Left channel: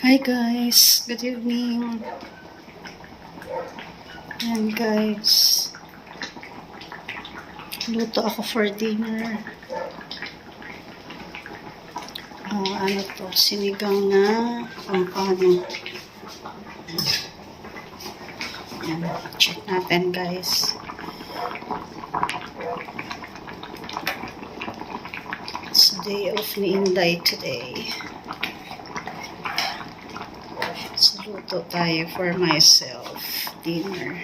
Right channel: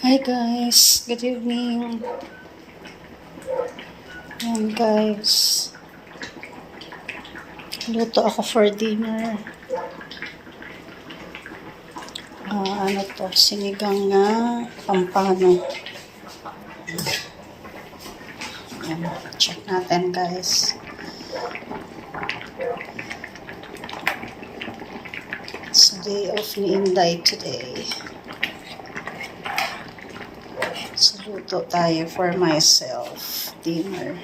Hi guys, good evening. Ayan guys, luto ako for dinner. Ano to, sinigang na pampano. Ayan, check natin guys. It's the day of ni Inday today. So, luto tayo for myself. Dinner.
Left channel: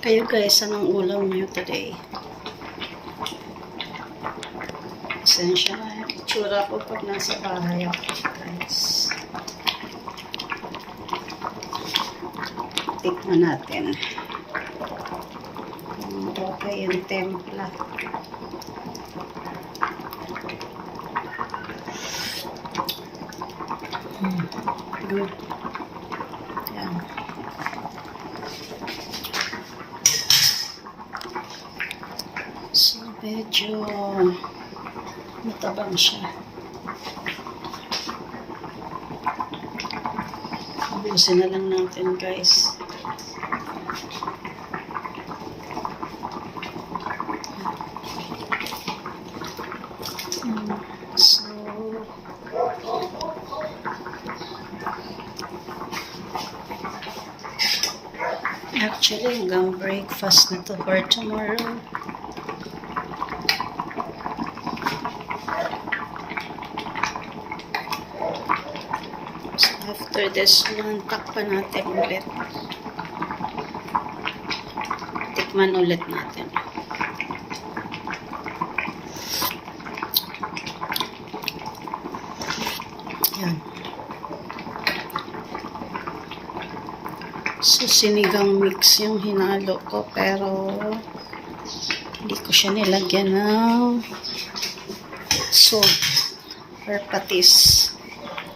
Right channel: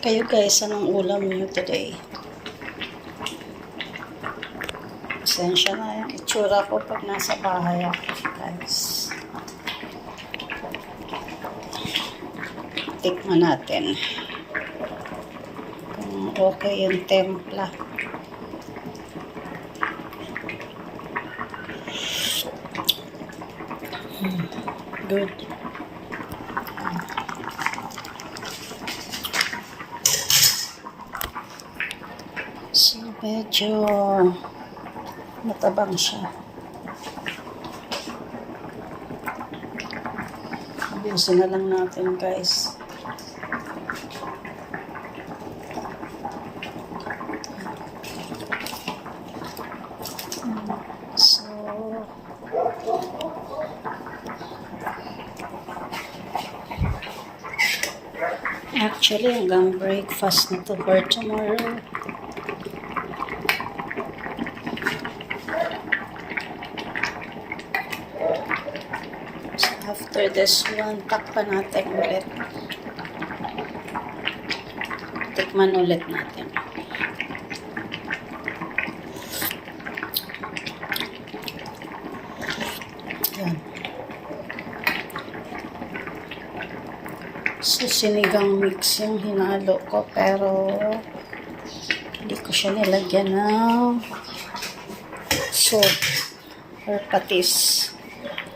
Kayo guys, anong ulam nyo today? Pasensya na yung itsura ko pag nasa bahay ako guys. Tikman natin kung okay yung templa. Good. Yan. So medyo matabang siya. Ubusin na lang natin guys. So, actually, hanggang breakfast na to for tomorrow. So, after this one, takpan natin ulit. Tikman ulit natin. Yan. So, sinigang mix yung hinalo ko, pero hindi ko siya nilagyan ng salt or patis.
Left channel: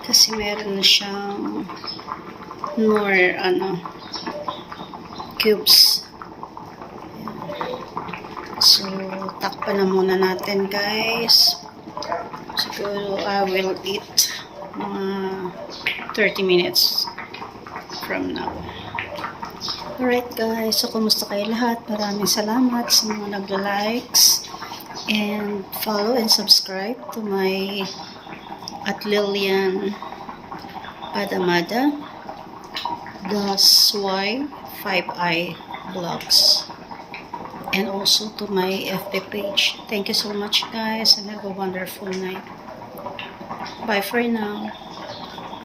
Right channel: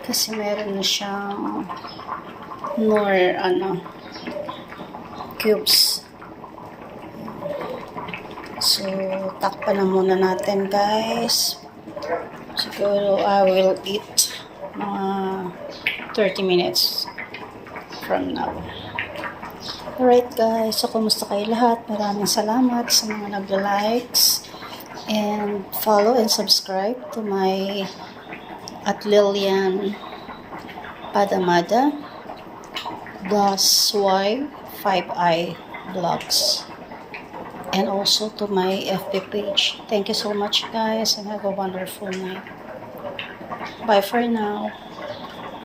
Kasi meron na siyang more, cubes. So, takpan na muna natin, guys. Siguro, I will eat mga 30 minutes from now. Alright guys, so kumusta kayo lahat? Maraming salamat sa mga nagla-likes and follow and subscribe to my at Lilian Padamada +Y5i vlogs, and also to my FB page. Thank you so much guys and have a wonderful night. Bye for now.